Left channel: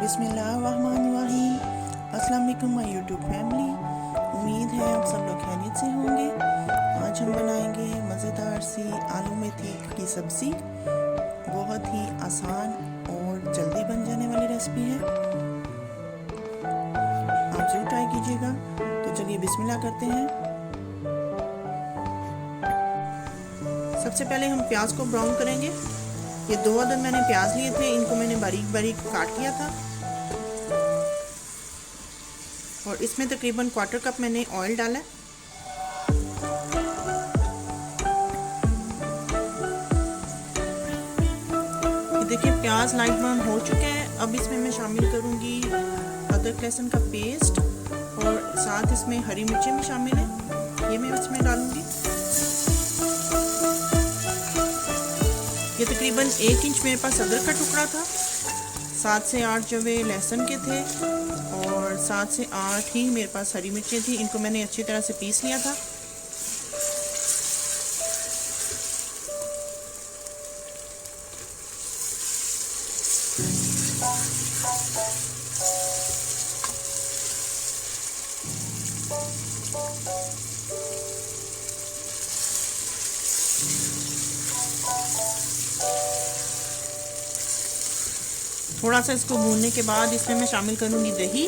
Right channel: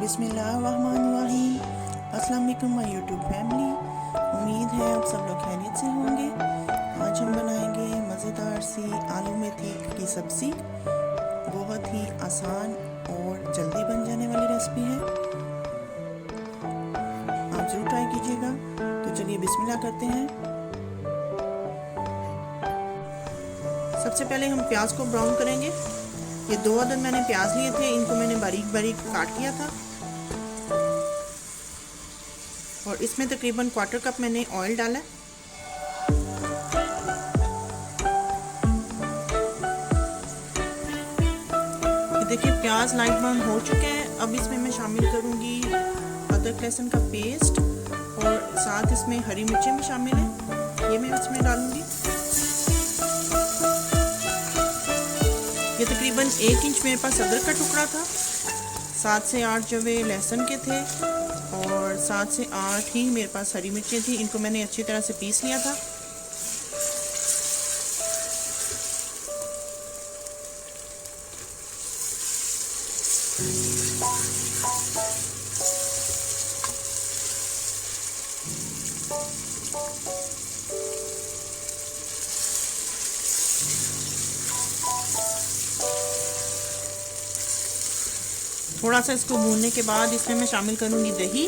बिस्मिल्लाहिर्रहमानिर्रहीम। अस्सलाम वालेकुम माय यूट्यूब फैमिली। उम्मीद है आप सब लोग खैरियत से होंगे। आज हम बनाएंगे मज़ेदार सी आलू मेथी की सब्ज़ी। बहुत ही आसान और जल्दी बन जाने वाली रेसिपी है, आप ज़रूर ट्राई कीजिएगा। तो चलिए बिस्मिल्लाह करते हैं। सबसे पहले हम प्याज को ब्राउन करेंगे। ये 2 अदद मैंने प्याज लिए थे, इनको मैंने बारीक बारीक काट लिया था और इसमें तकरीबन 1/4 कप मैंने ऑयल डाला। ये देखिए प्याज लाइट ब्राउन हो चुके हैं। अब इसमें मैं शामिल करूंगी अदरक लहसुन का पेस्ट और साथ इसमें हरी मिर्चें भी शामिल हैं, ये मैं इसमें डालूंगी। ये तकरीबन 1 इंच मेरे पास अदरक का टुकड़ा था, 7 से 8 जवे लहसुन के थे और 7 से 8 ही मेरे पास हरी मिर्चें थी। इनको मैंने अच्छी तरह से पीस लिया था। थोड़ा सा इसको भूनने के बाद इसमें मैं शामिल करूंगी दही।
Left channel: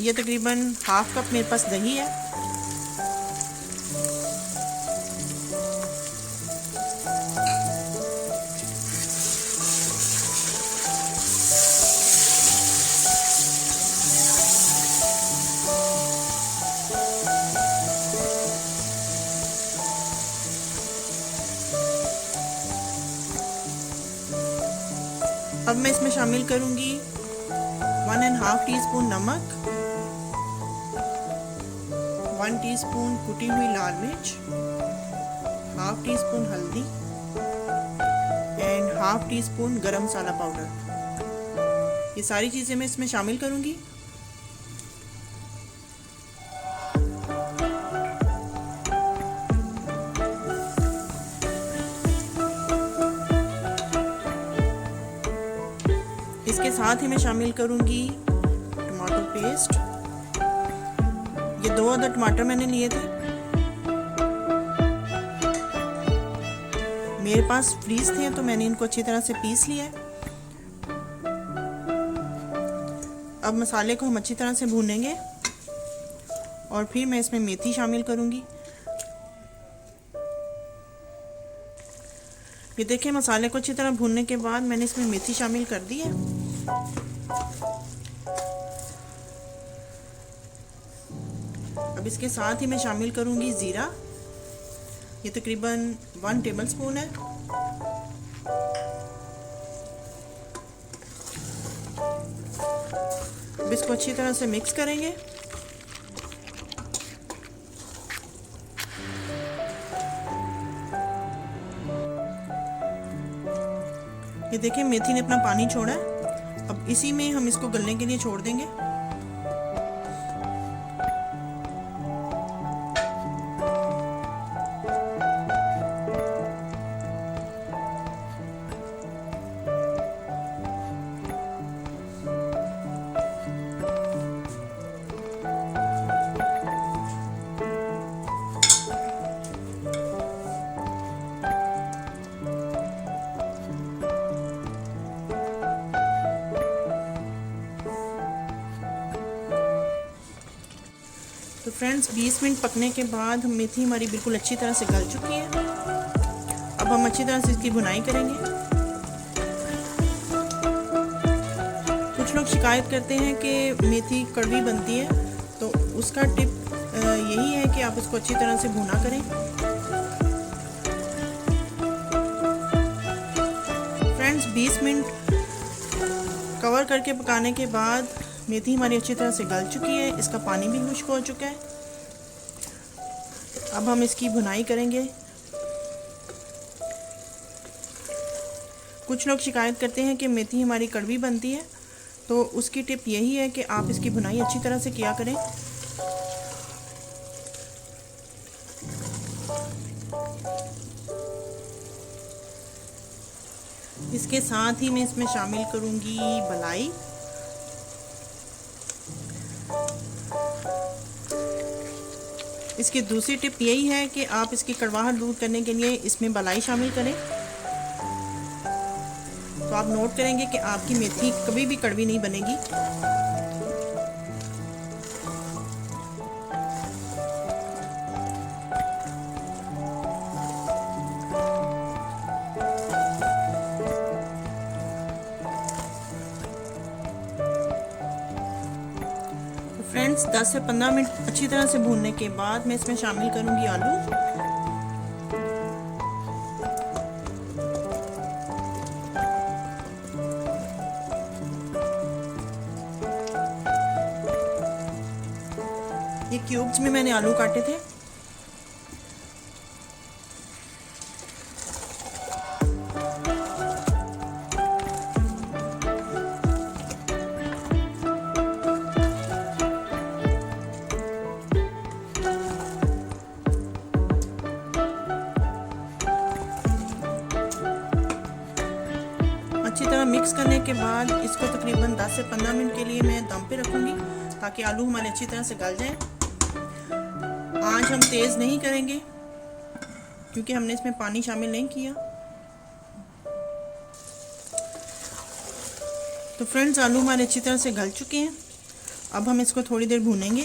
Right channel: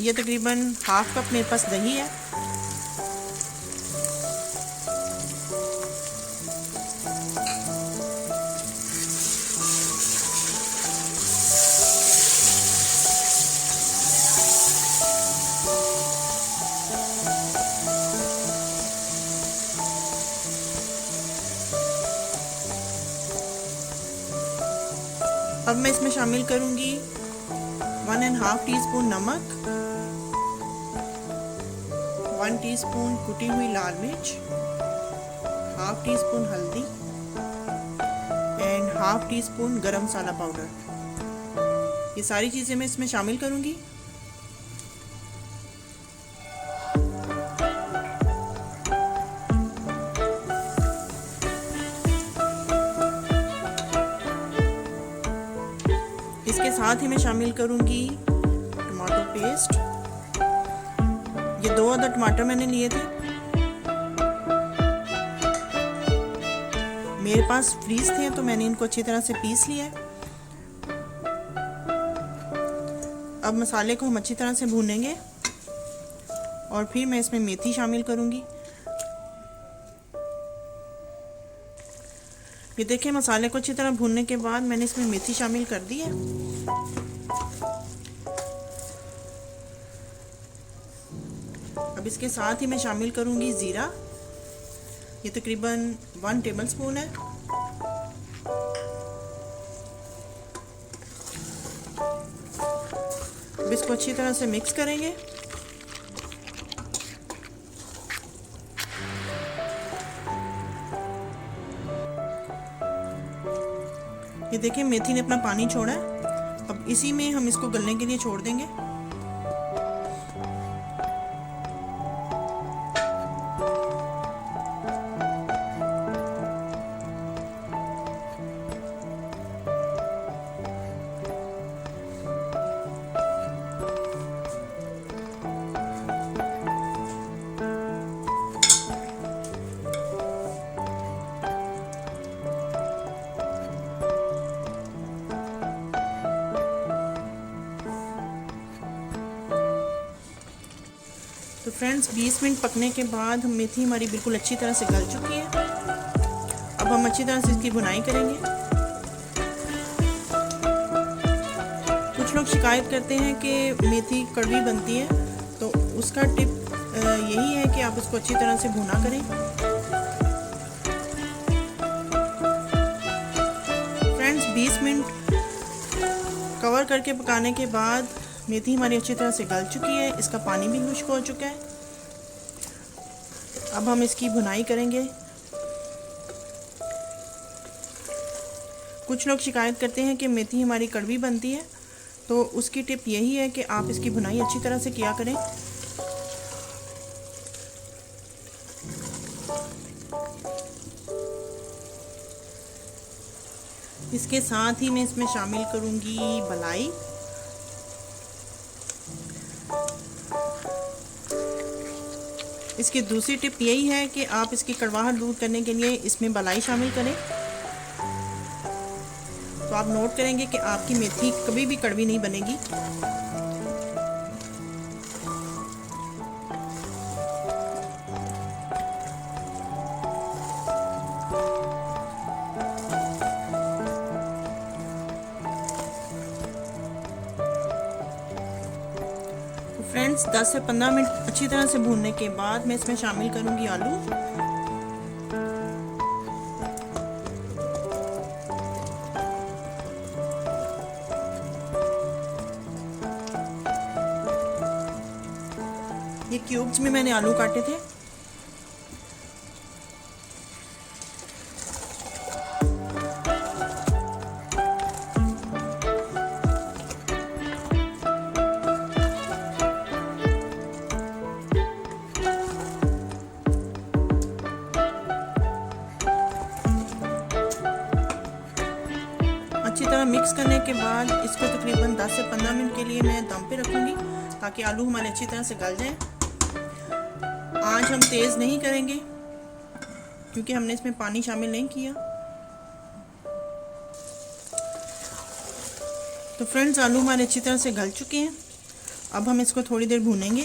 ये तकरीबन 1/2 कप मेरे पास दही है। अब मैं इसमें शामिल करूंगी 1½ टीस्पून नमक, 1 टीस्पून कुटी हुई लाल मिर्च, 1/2 टीस्पून हल्दी एंड 1/2 टीस्पून गरम मसाला पाउडर। ये सारी चीज़ें मैं इसमें शामिल करूंगी। इसके साथ ही मैं शामिल करूंगी टमाटो पेस्ट। ये 2 अदद टमाटर मैंने लिए थे, मेरे पास फ्रीज थे तो मैंने इनको अच्छी तरह से पीस लिया है। अब मसाले को हम अच्छी तरह से भूनेंगे और फिर मैं इसमें मेथी शामिल करूंगी। ये देखिए मसाले को अच्छी तरह भूनने के बाद मैंने इसमें मेथी शामिल कर दी है। अब इसके साथ ही मैं शामिल करूंगी ज़ीरा। ये तकरीबन 1 टेबलस्पून है। अब इसको अच्छी तरह से मिक्स करेंगे। ये देखिए मेथी ने अपना पानी छोड़ा है। अब इसी में हम इसको गलने के लिए छोड़ देंगे। तो फ्रेंड्स 20 मिनट पकने के बाद मेथी हमारी बिल्कुल अच्छी तरह से गल चुकी है। अब हम अच्छी तरह से इसकी भुनाई करेंगे। कुछ लोग शिकायत करते हैं कि मेथी कड़वी बनती है, तो उसका टिप यही है कि आप इसको अच्छी तरह से भुना करें। 20 मिनट कवर करके पकाने के बाद मेथी हमारी अच्छी तरह से गल चुकी है, इसका पानी भी खुश्क हो चुका है। अब हम इसकी भुनाई करेंगे। कुछ लोग शिकायत करते हैं कि मेथी हमारी कड़वी बनती है, तो उसकी टिप यही है कि आप इसकी भुनाई अच्छी तरह से किया करें। इसके साथ ही मैं इसमें शामिल करूंगी बलाई। इसकी दूसरी टिप यही है कि आप इसकी कड़वाहट दूर करने के लिए इसमें बलाई शामिल करें, तो आप नोट करेंगे कि आपकी मेथी कभी भी कड़वी नहीं बनेगी। तो फ्रेंड्स 10 से 15 मिनट अच्छी तरह से भूनने के बाद मैं इसमें शामिल करूंगी आलू। ये क्यूब्स में मैंने आलू काटे थे। अच्छी तरह मिक्स करने के बाद इसको तकरीबन 10 से 15 मिनट के लिए मैं दम पे रखूंगी ताकि आलू हमारे अच्छी तरह से गल जाएं। आंच हम तेज़ नहीं करेंगे क्योंकि हमने इसमें पानी शामिल नहीं किया। तो फ्रेंड्स आलू हमारे अच्छी तरह से गल चुके हैं। अब हम इसको थोड़ी देर भूनेंगे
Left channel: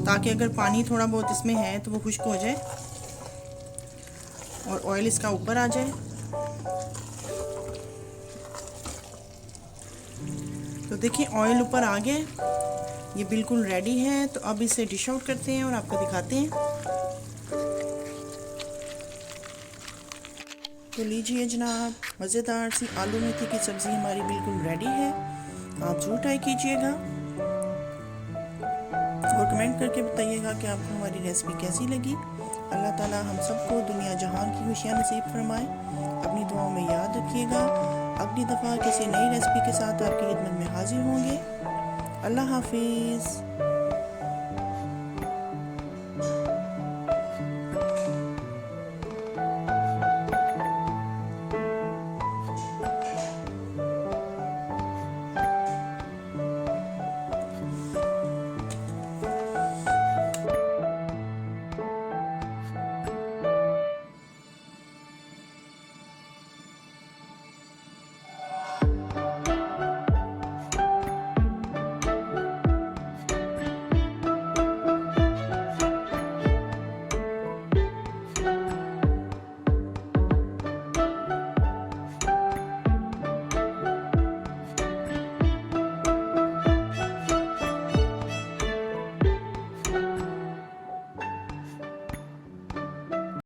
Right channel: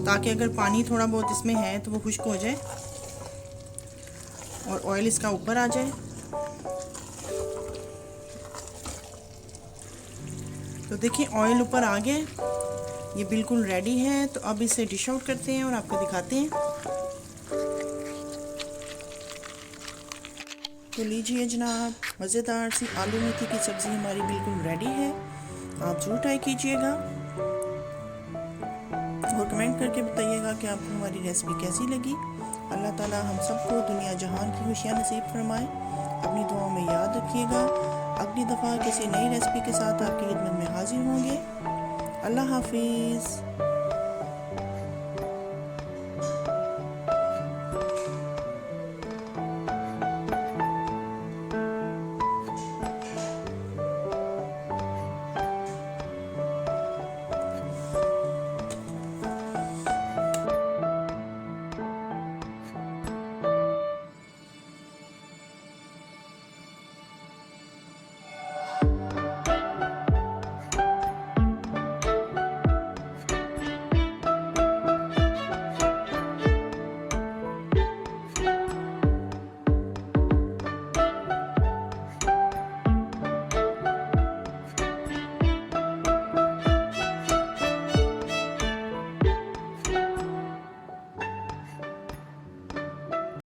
ताकि अगर पानी थोड़ा बहुत इसमें है तो वो खुश्क हो जाए और ऑयल इसका ऊपर आ जाए। तो देखिए ऑयल ऊपर आ गया, ये बिल्कुल रेडी है। तो अब इसे डिश आउट करते हैं और आपको दिखाते हैं। तो लीजिए जनाब, मज़ेदार सी आलू मेथी की सब्ज़ी हमारी बिल्कुल रेडी है। आप ज़रूर ट्राई कीजिएगा और कमेंट करके बताइएगा कि आपको हमारी रेसिपी कैसी लगी। अल्लाह ताला हम सबको दुनिया जहान की खुशियाँ नसीब फरमाए। अपनी दुआओं में याद रखिएगा। अगली दफ़ा किसी नई रेसिपी के साथ आपकी खिदमत में हाजिर होंगे। अल्लाह हाफिज़।